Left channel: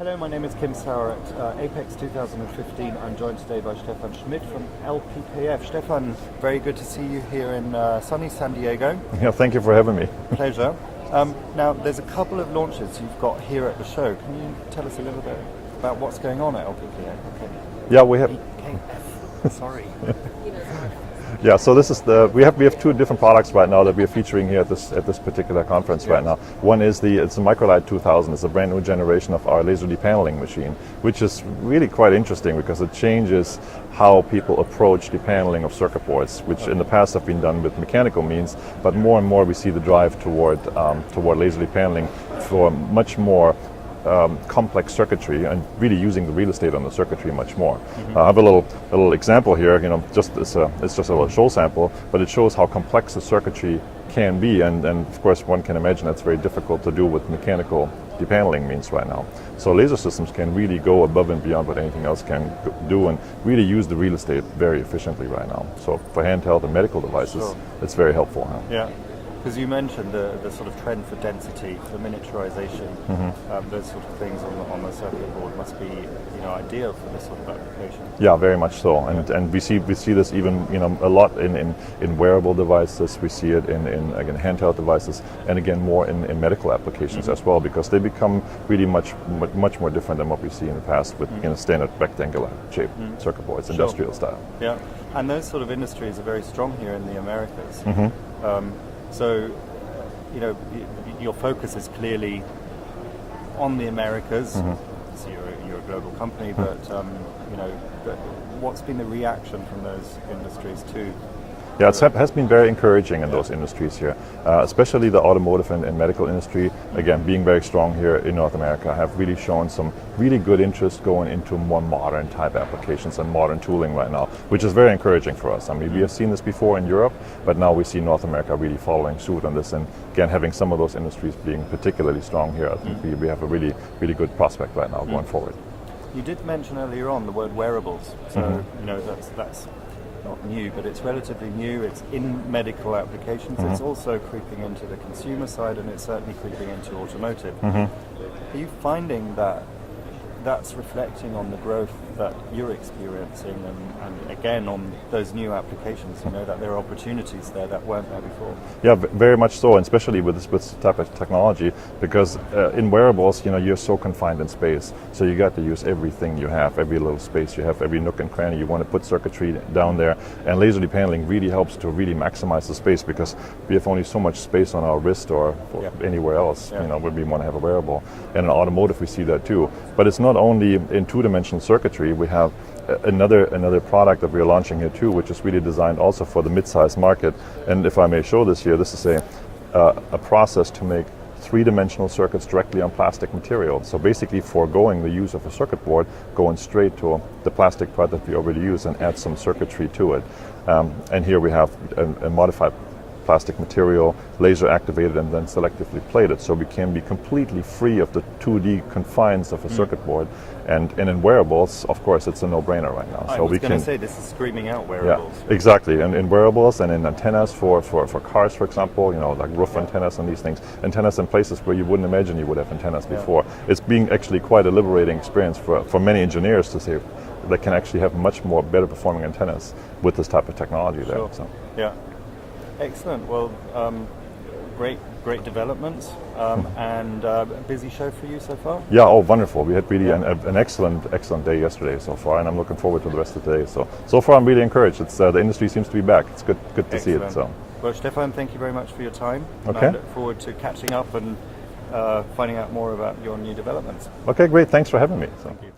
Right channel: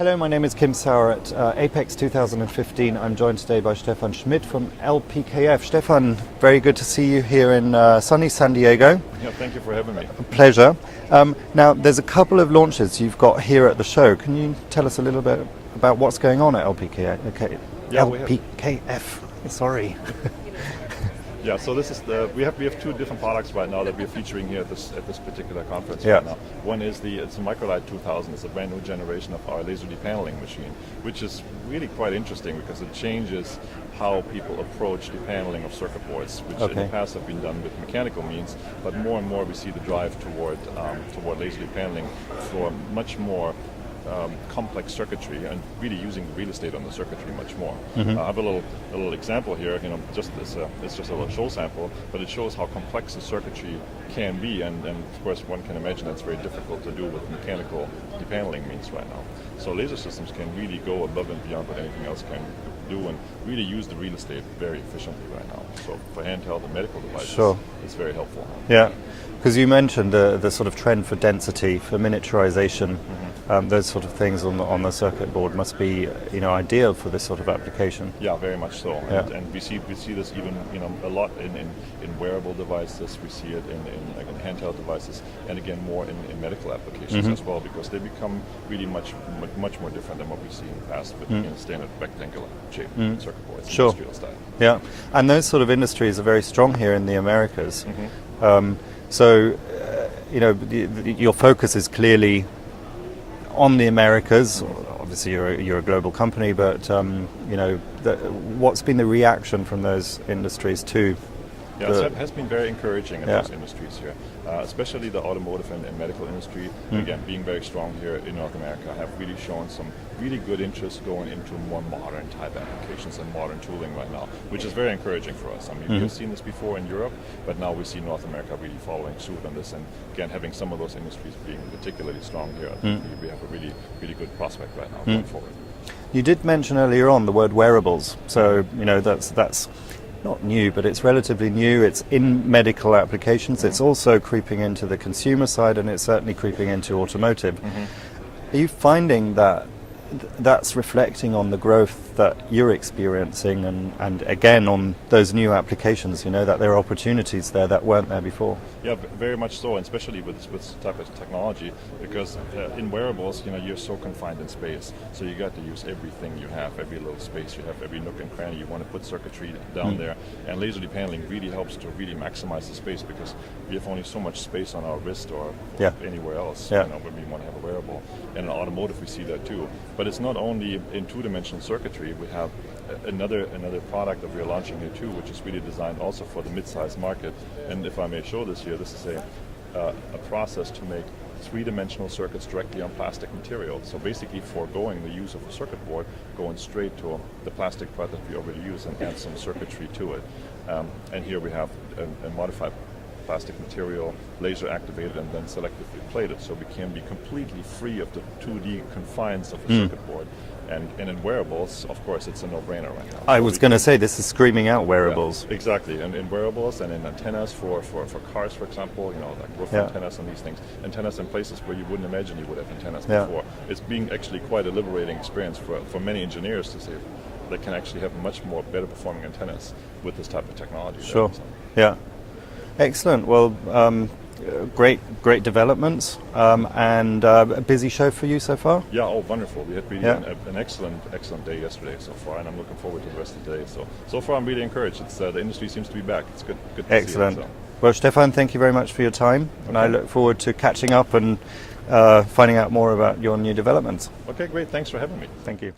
Hello, my name is Kim Sauer at APEX 2015. I'm joined today by Stephan Schmidt from LPKF. Stephan, very good to see you here in sunny San Diego. Yeah, thank you for having me. Pleasure. Now, there's a couple of launches you've got here at the show. Can you tell us a little bit about what's going on at LPKF? Okay. Yeah, LPKF. Sorry. Yeah, so this is we have two different products right now that we are featuring here at this particular conference right now. One is it's a Microlight 2000. It's a brand new generation of our laser depaneling machine, which is really quite interesting because it changes how people approach depaneling of circuit boards, which in the past have been done with mechanical means, but more and more we see the drive toward laser depaneling for much more complex circuitry and really using the real estate on the circuitry much more. I have a little example here. It's just a little show sample, but it shows how complex the circuitry can be, and of course one can imagine that's very difficult to do with mechanical depaneling means right now. So laser systems can really go above and beyond what anything else can do and really use the real estate very efficiently right now. So for handheld and medical devices, it's very helpful. Yeah. Because you mentioned the sort of trend for density, for miniaturization, those sort of things on the circuit board must be ideal for this sort of application. Yeah, very much so. And we see this even a lot in wearable devices. We see it in again handheld devices, and again more in medical applications as well, because they become really much more different than what we see in the past with standard rectangular shaped circuit boards, industrial style. Yeah, and those sort of industries are very strong here in the Americas. So, your focus is clearly on the Americas. Obviously, you're a global company, but what's been the reaction from those industries to? Yeah, it has been very encouraging in those industries here, especially the automotive and medical industry. Again, being very strong here in North America, have really shown some really good interest going into more modern type applications and modern tooling right now, which is very encouraging for us. I mean, we have seen this before in Europe, but now we see North America really following suit on this, and again, having some of those industries being particularly strong here, I think we have a really, really good prospect right now going forward. You did mention earlier on the word wearables, so that's not new, but it's relatively new. It's in medical applications. It's also creeping into the consumer side, and it's certainly creeping into automotive. Are you finding that that's reflecting on the growth that you're experiencing, and again on those new applications, that there are opportunities there that weren't there before? Yeah, very much so, and especially with this type of technology, because in wearables, you're so confined in space, so you got to use everything you have, every little space you have, every nook and cranny. You want to put circuitry down there, and laser depaneling really helps to really maximize the space, because we have only so much space on our wrist or anywhere else when we want to have a wearable. And in automotive we see that too, but it's not only in two-dimensional circuitry. We have another product that we're launching here too, which is really designed also for the mid-size market. And if I may show this here, this is a process to make three-dimensional circuits directly on plastic material. So basically foregoing the use of a circuit board, going straight to the plastic part that we already use and add some circuitry to it. And here we have a modified plastic material, laser activated and then selectively plated, so we can be completely free of the 2D confines of a circuit board. And in wearables, of course, it's a no-brainer right now. I was going to say, this is screaming out wearables. Yeah, exactly, and in wearables and in antennas for cars, for example, like roof antennas and these things. Antennas in places where you wouldn't imagine you would have antennas before. It's being actually quite a liberating experience for many engineers to say they can actually have much more better performing antennas with this type of technology. Sure. Yeah. Excellent. Well, great developments, and a busy show for you so far. Yeah. Oh, wonderful. We had really an excellent day yesterday so far, and I'm looking forward to the rest of the day. So far, I'm really encouraged. It's the industry seems to be back. It's good to see it. So. Well, Stephan, thank you very much for your time, and I look forward to catching up and finding out more about your new developments. Okay, great. Thanks for having me. Thank you.